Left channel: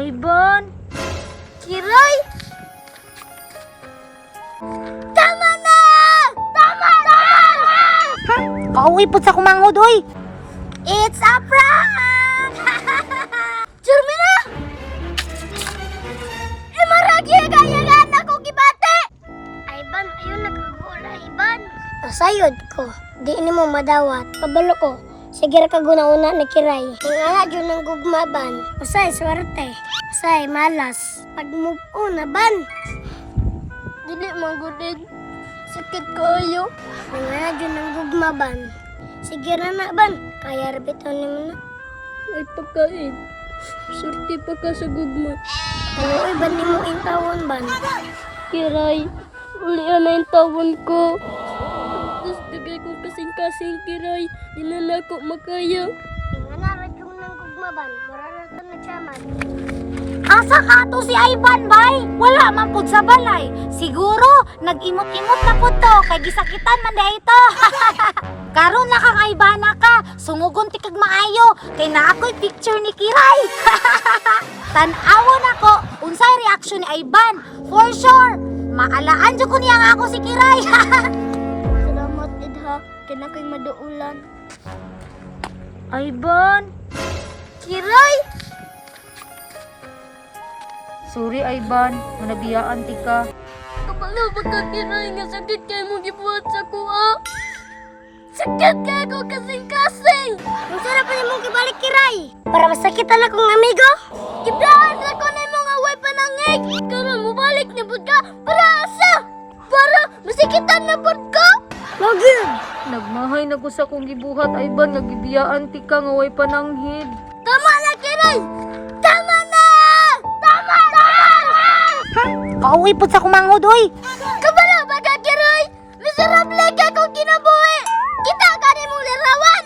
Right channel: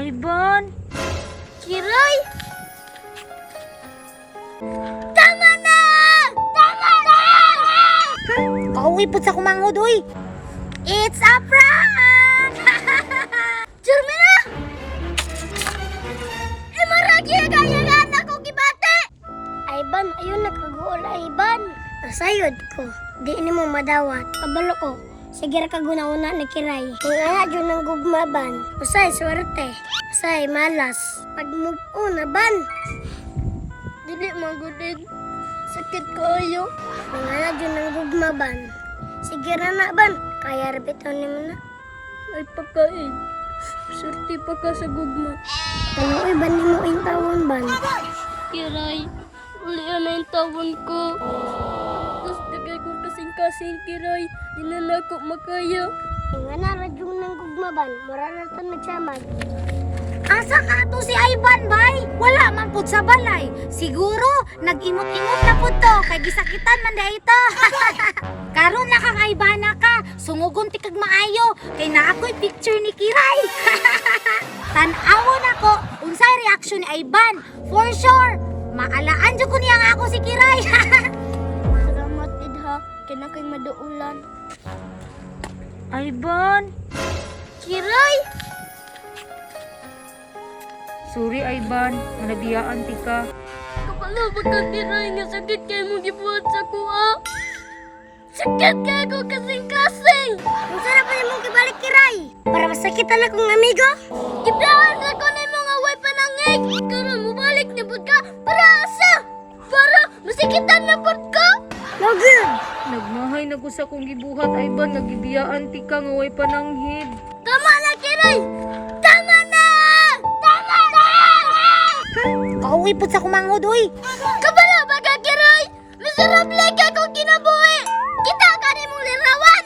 Ivan! Kiray! Tama na! Tama na! Ha? Kauwi po sa kumangod, oy! It's a prank! Jermina! Imaragi agayagan ako kibate! Ivan, ayun nagkagool, Ivan. Asayod ko, di ni mo madawat. Pabalo ko, sige ra kaguna-una na kiray. Yung anak yun ng gugmaban. Usay, swerte. Usay, malas. Pag-move on na ban. Dili magulid. Sakit ko ayo. Yung anak yun ng gugmaban. Sige ra na ban. Kaya rabitan ni mo na. Ay pagkain. Surti pa ka sa gugma. Ano ay ban ni mo yung tawon ban? Kiray, ulian na yung tawon ko. Tapos dagay ko kasing-kasing kiray. Di na ako makaya. Yung anak yun ng gugmaban. Mura na ito na tiyaman. Asa ka to si Ivan, bay? Wala man pud sa balay. Siguro, nag-imot-imot na pud to. Kay gisakitan man da ito. Karon na kang Ivana ka. Sungugon ti kag maayo. Kay na ako'y picture ni Kiray. Tan-awon ako. Unsay reaction ni Ivan? For sure. Maalaan jud ko niya nga ako si Kiray. Salamat, Idha. Kaya ko'y maduulan. Ivan. Kiray! Sorry, Ivan. Manabiyaan ti ka. Kapalo baka kiray nga sakit kayo mo gibuhat sa kuha. Sakit kayo ko kasing-kasing. Ang sarap na mong kibalik, Kiray. Para masakit na kong amigo. Gibrahan na ko na mga way panangig. Karon mo balik na bud ka. Para asa? Para masikitan na bud ka. Lagi! Nagmahay na ko sa kong gibuhat, Ivan. Nagibiyaan ti ka nga way pananghid. Tama na, Kiray. Tama na! Tama na! Ha? Kauwi po sa kumangod, oy! Kabalo ba ka, Kiray? Miserable ka kung kinabuhi. Kita ka ni mong lirawan.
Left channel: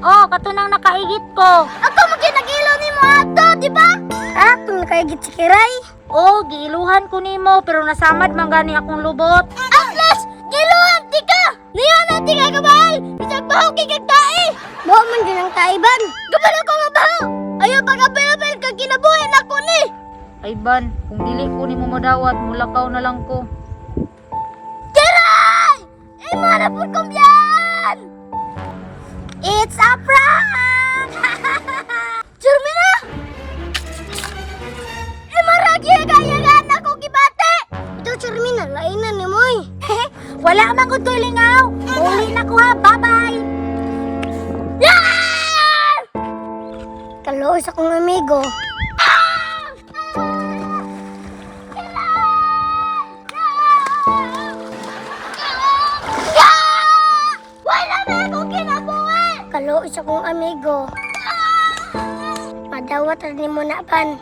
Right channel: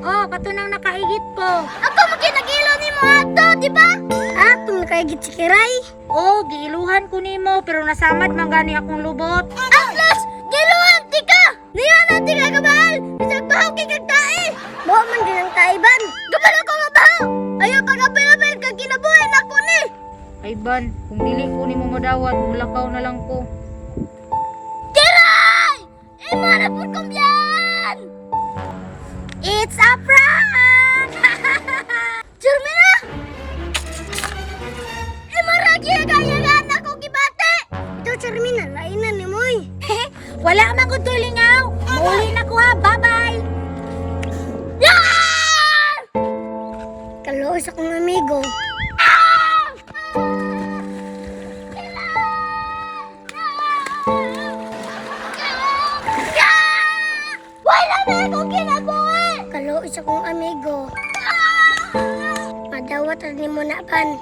Oh, katunang nakaigit ko. Ako maginagilo ni mo ato, di ba? Ah, kung nakaigit si Kiray. Oh, giiluhan ko nimo pero nasamad man gani akong lubot. Atlas, giluhan ti ka. Niya na ti ka kabahal. Bisag bahaw kay kagtae. Buha man din ang taiban. Kabalo ko mabahaw. Ayaw pag-apel-apel kag kinabuhi na ko ni. Ivan, kung dili ko nimo madawat, mulakaw na lang ko. Kiray! Imo na po kumbiyan! It's a prank! Jermina! Imaragi agayagan ako kibate! Ito, Charmina, lainan ni Moy. Wala man ko lingaw. Uli na ko ha. Bye-bye. Yan! Kaloos akong amigo. Wala na akong kinabuhi! Kaloos akong amigo. Madawat rin mo na ban.